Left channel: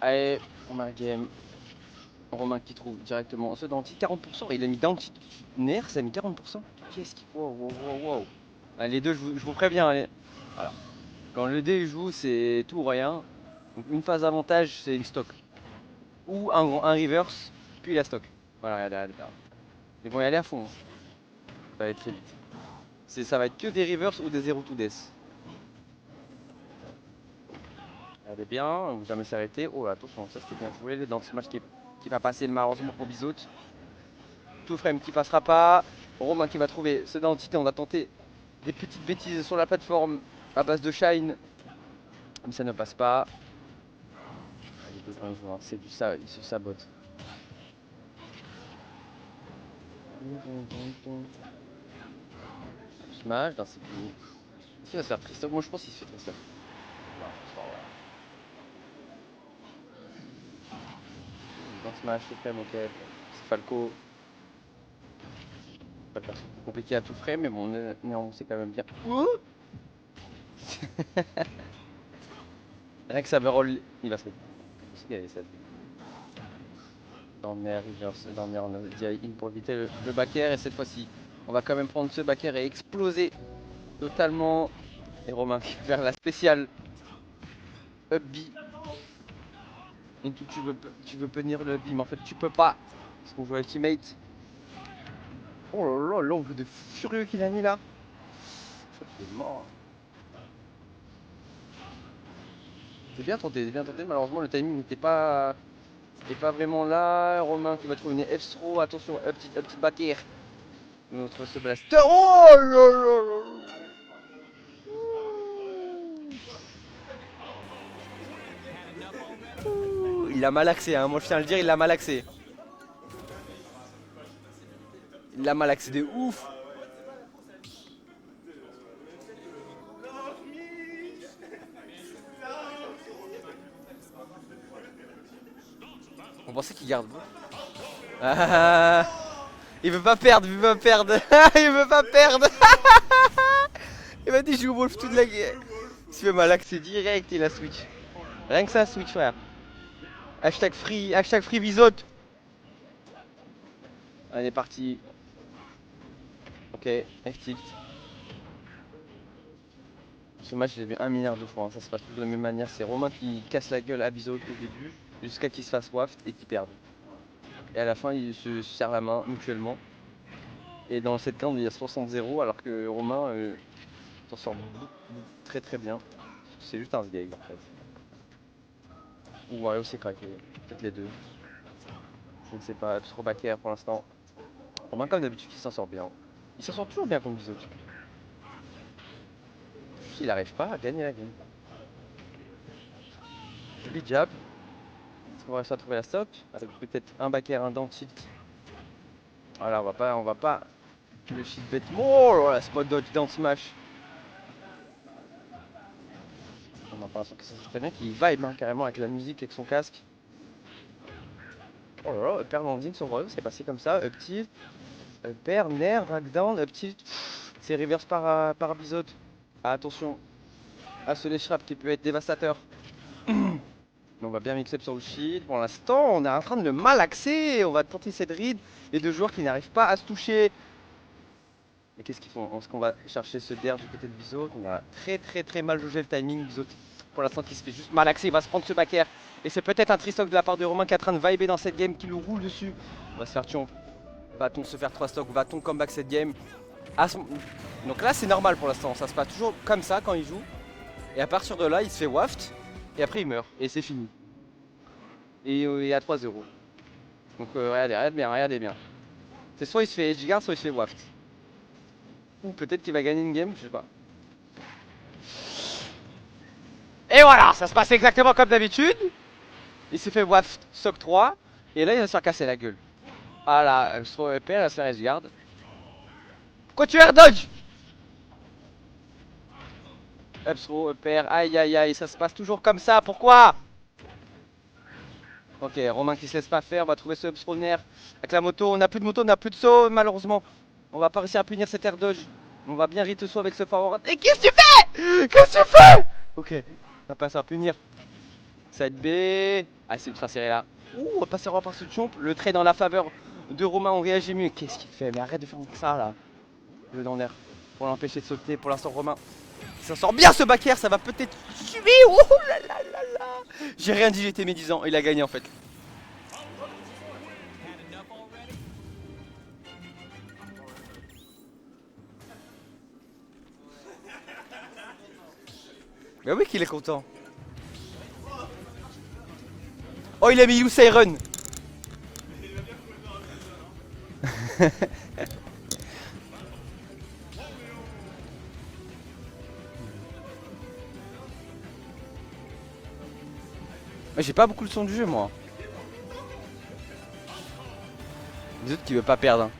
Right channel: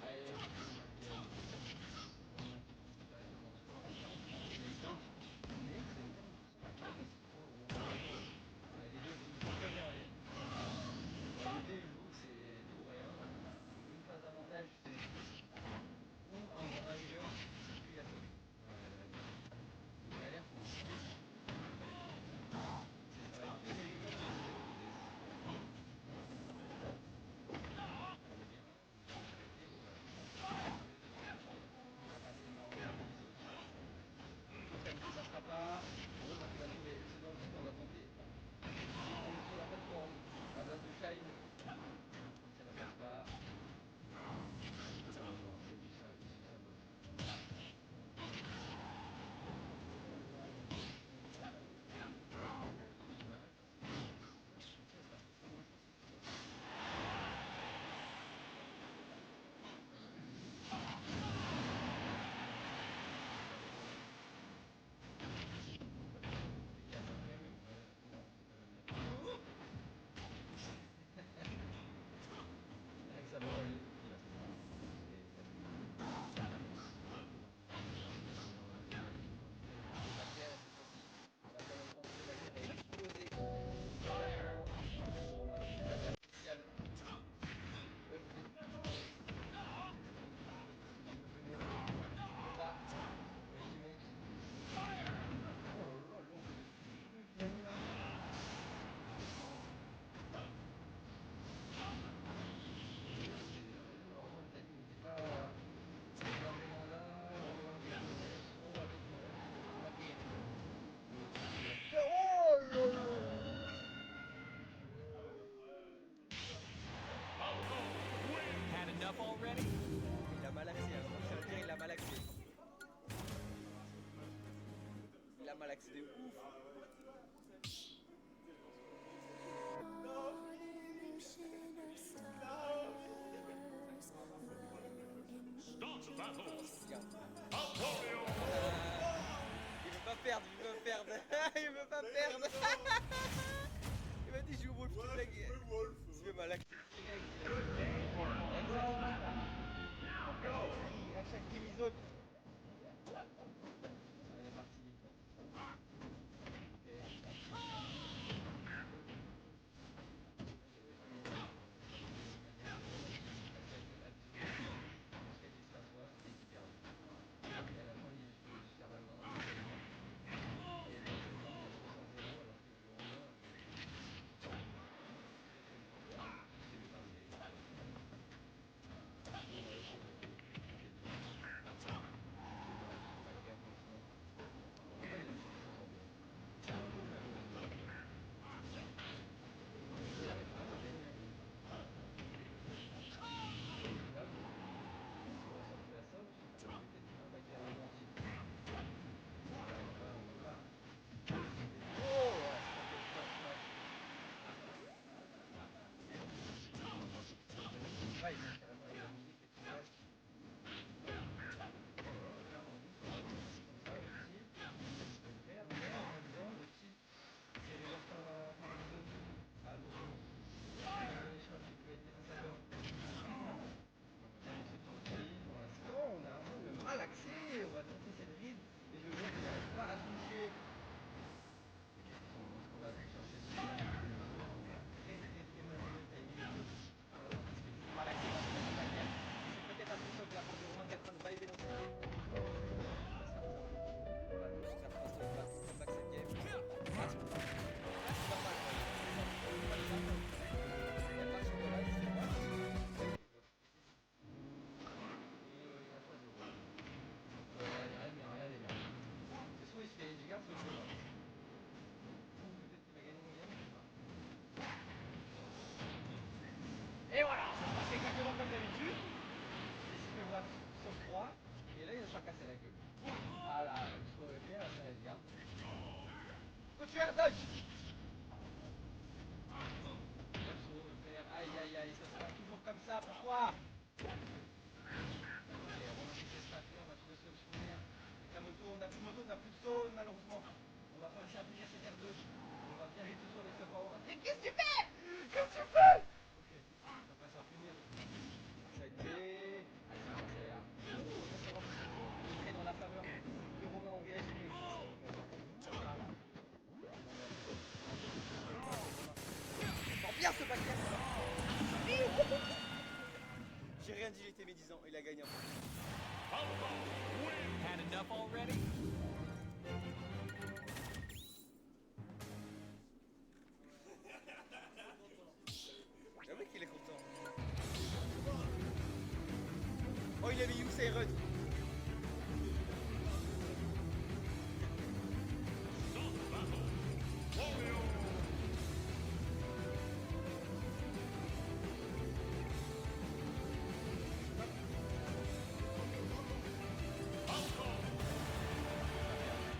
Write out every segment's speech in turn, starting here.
Allez, on a game. Romain qui trouve directement ce denti 40%. Il a mis denti nerf, ça a mis 40%. Qu'est-ce qu'il faut? Wow. Allez, les deux, je vous préviens. Allez. Voilà. Quand le dé joue, c'est tout ou rien. Donc une phase avantage, c'est le stock. Ou un reverse, puis la stock. Voilà, regardez. Ils vont y aller à fond. Ça va être très vite. Ça va être que des reverse ou des 0 to death. Regardez bien, on va jamais s'arrêter. Oh là, attention, ça c'était bien joué. Dans ce match qui va passer malheureusement pour Bizout. Tout frame qui passera pas. Romain qui va trouver ce dentité. On va tenter des petites bêtises sur la plateforme à base de shine. Mais ça ne passe pas. C'est du ça, il se sabote. Smash dans ses pieds. Qui va se faire Christophe? Moi je pense qu'il se fait Christophe. Donc Smash, c'est frame, ok. C'est Falco. Pas compliqué à tout frame, mais bon, on sait quand même bien. Rien que ça me roll, il va se dormir, on a dit in pour éviter le back air, et cette fois-ci, on va quand même prendre ce back air et exploser totalement. Et Romain qui va faire la spéciale up B. Et tu veux punir le up B, mais en fait tu peux pas. Parce qu'on joue ultimate. Oh là là, l'ombre de furieux qu'il a mis là. Je suis mort. C'est bien tenté, malheureusement le timing n'était pas vraiment là. Romain qui va trouver une F-throw, attention, up petit back air. Notre ce blaster. Oh là là là. Il a mal axé, hein. Moi je tiens à le dire, il l'a mal axé. Il l'a mal axé de ouf. On pensait qu'il garde. Ah, il veut pas perdre, il veut pas perdre. Il veut pas perdre. Il m'a dit je joue Wolf toute la guerre. Il se fait mal axé direct, il a switch. Rien que ça, switch frère. Hashtag free bisote. Allez, parti. Ok, actif. Ce match, j'ai vu 1 milliard de fois, hein. Ça se passe toujours de la même manière. C'est Romain qui casse la gueule à Bizout au début, jusqu'à qu'il se fasse waft et qu'il perde. Et à la fin, ils se serrent la main mutuellement. Et dans cette carte, il y a 60-0, alors que Romain s'en sort très très bien. C'est juste un vieil en fait. Ou Wario s'est craqué, peut-être les deux. Je ne sais pas, trop backer pour l'instant. Romain, comme d'habitude, il s'en sort bien. Il s'en sort toujours bien contre Bizout. Il n'arrive pas à gagner la game. Big jab. On va réussir à trouver la stop. Avec peut-être un backer, un down tilt. Voilà, on va pas le shield bête. Oh là, spot dodge down smash. On a pas l'impression que c'est très bien qu'il vibe hein, carrément avec la musique, avec son casque. Oh là là, upper landing sur Royal, c'est passé comme ça. Up tilt, upper, nair, drag down, up tilt. C'est reverse par Bizout. Ah, attention à ce léchrap qui peut être dévastateur. On va bien mixer sur le shield. Pour l'instant, on est en train de le malaxer. On va tenter cette ride. Les deux joueurs qui n'arrivent pas à se toucher. Et qu'est-ce qu'ils font? Est-ce qu'on va chercher ce derrière du côté de Bizout? On a très mal jaugé le timing. Bizout, pour l'instant, qui se fait juste malaxer. Il va se prendre ce back air. Et c'est peut-être un tristock de la part de Romain qui est en train de vibrer dans cette game, qui le roule dessus. On va se faire tuer. Va-t-on se faire 3 stocks? Va-t-on comeback cette game? Donc là, c'est normal pour l'instant. Ça se passe toujours comme ça quand il joue. Et à partir de là, il se fait waft. Et après, il meurt. Et c'est fini. Et il y a 3-0. Donc regardez bien. C'est soit il se fait edgeguard, soit il se fait waft. Ou peut-être qu'il va gagner une game, je sais pas. Et voilà, ça se passe exactement comme d'habitude. Il s'est fait waft sock 3. Et là il va se faire casser la gueule. Voilà, Stro EP, elle va se faire edgeguard. Pourquoi tu air dodge? Upstro, EPR, aïe, ça se passe toujours comme ça, pourquoi? Ok, Romain qui se laisse pas faire, on va trouver ce spawner avec la moto. On n'a plus de moto, on n'a plus de saut, malheureusement. On va pas réussir à punir cet air dodge. On va bien rite saut avec ce forward. Et qu'est-ce que tu fais? Qu'est-ce que tu fais? Ok, on va passer à punir. Side B. Ah, c'est ultra serré là. Ouh, on va passer par ce chomp. Le trait dans la faveur de Romain, on réagit mieux. Qu'est-ce qu'il fait? Mais arrête de faire ça là. Le dans l'air. Pour l'empêcher de sauter. Pour l'instant, Romain. Ça sort bien ce back air, ça va peut-être tuer. Oh là là là là. J'ai rien dit, j'étais médisant. Il a gagné en fait. Bah oui qu'il est content. Oh, il a mis Loose Iron. J'ai pas beaucoup le son du jeu moi. Les autres qui veut pas perdre.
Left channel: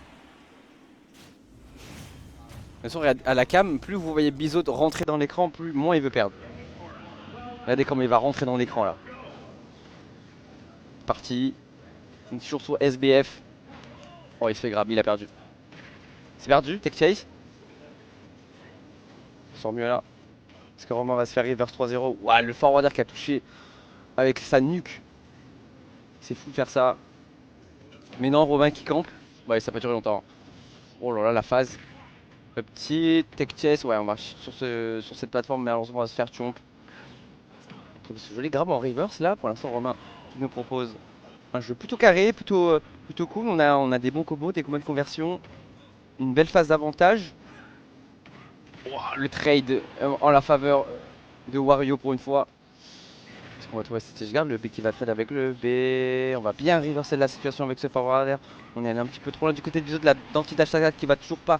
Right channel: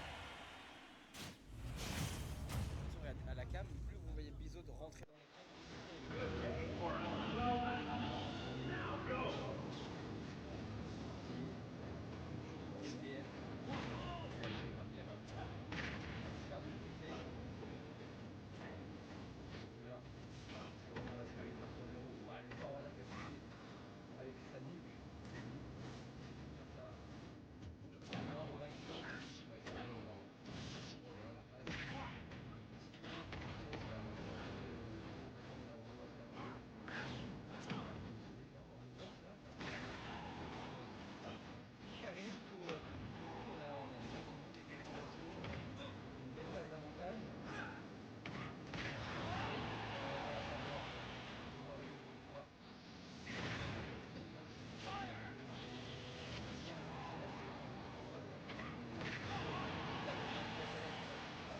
De toute façon, à la cam, plus vous voyez Bizot rentrer dans l'écran, plus moins il veut perdre. Regardez comment il va rentrer dans l'écran là. Parti. On est toujours sur SBF. Oh, il se fait grab, il a perdu. C'est perdu, tech chase. On sort mieux là. Est-ce que Romain va se faire reverse 3-0? Ouah, le forwarder qui a touché avec sa nuque. C'est fou de faire ça. Mais non, Romain qui campe. Ouais, ça va pas durer longtemps. Oh là là, la phase. Le petit tech chase. Ouais, on va sur cette plateforme, mais alors on va se faire chomp. Ce joli grab en reverse là. Pour l'instant, Romain nous propose un jeu plutôt carré, plutôt cool. On a des bons combos, des combos de conversion. Une belle phase d'avantage. Wow, le trade en la faveur de Wario pour une fois. On va trouver cette garde, le B qui va trade avec le B. On va bien reverser la situation avec ce forwarder. On est allé un petit peu trop loin du côté de Bizot de la d'anti-dash qui va toujours pas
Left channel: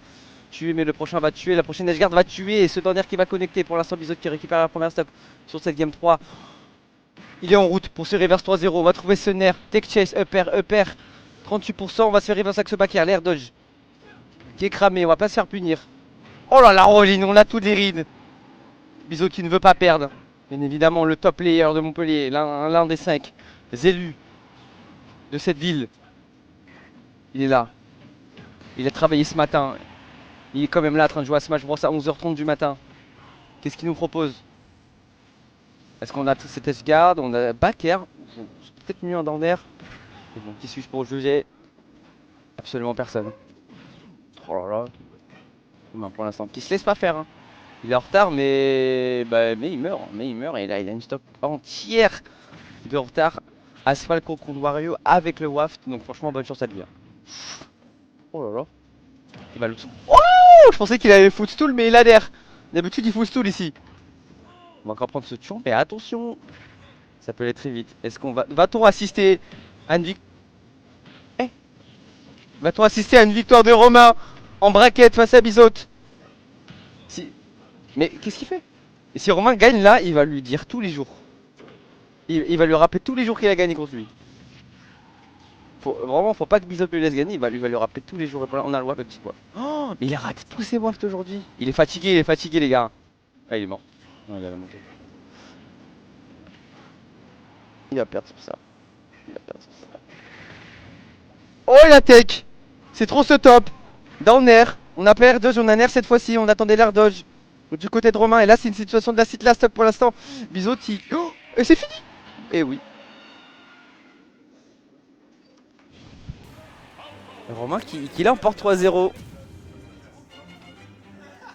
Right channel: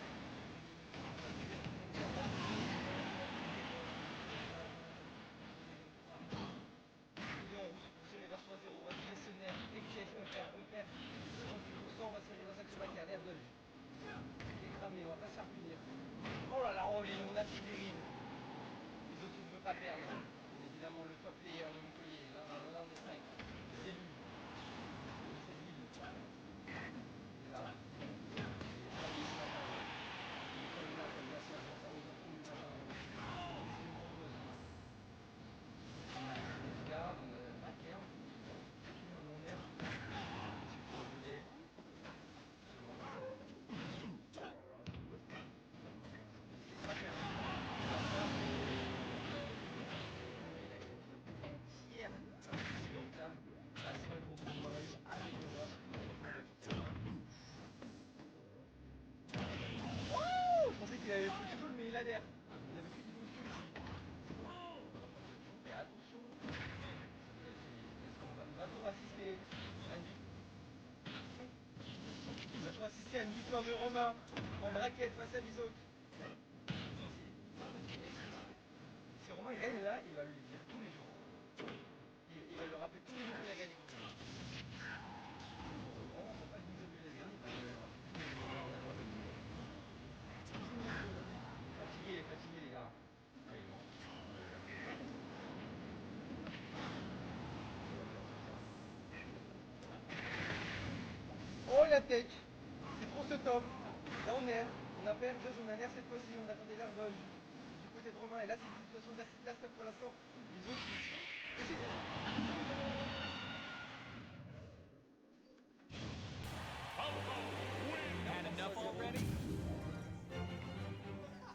tuer, mais le prochain va tuer. La prochaine edgeguard va tuer. Et ce dernier qui va connecter. Pour l'instant, Bizot qui récupère la première stop sur cette game 3. Il est en route pour ce reverse 3-0. On va trouver ce nerf. Tech chase, upper. 38%. On va se faire reverse avec ce back air. L'air dodge qui est cramé. On va pas se faire punir. Oh là là, Roline, on a tous les rides. Bizot qui ne veut pas perdre. Bien évidemment, le top player de Montpellier, l'un des 5 élus de cette ville. Il est là. Il a travaillé ce matin. Il est quand même là en train de jouer à Smash Bros à 11h30 du matin. Qu'est-ce qu'il nous propose? Est-ce qu'on a cette S-Guard? On a back air. C'est peut-être mieux en down air. Bon, qui suis-je pour juger? Absolument personne. Oh là là. Ben, pour l'instant, qui se laisse pas faire. Hein. Il est en retard, mais il meurt. Et là, il a une stock entière de retard. Asphalt contre Wario avec le waft. Donc franchement, bonne chance à lui. Oh là là. Il va le... Oh, je pensais qu'il avait footstool, mais il a l'air. D'habitude, il footstool ici. On va encore prendre ce champ, mais attention. Ça peut aller très vite. Est-ce qu'on va... Va-t-on assister à une victoire? Va-t-on assister à une victoire de Romain en braquette face à Bizot? Si... Mais qu'est-ce qu'il fait? Et si Romain gagne là, il va lui dire tous les jours. Il va lui rappeler tous les jours qu'il a gagné contre lui. Vraiment, faut pas que Bizot lui laisse gagner, il va lui rappeler tous les jours. Et voilà, on a le waft, le petit quoi. Oh, mais il a raté tous ses wafts aujourd'hui. Il est fatigué les gars. Ah, il est mort. Non, il a la montée. Il va perdre sur ça. Oh, la tech. C'est trop ce top. Down air. On a pas air dodge, on a un air cette fois-ci. On attendait l'air dodge. Du côté de Romain. Et là, c'est une situation de la site last pour l'instant. Bizot, il... Oh, et c'est fini. Et oui. Romain qui l'emporte 3-0.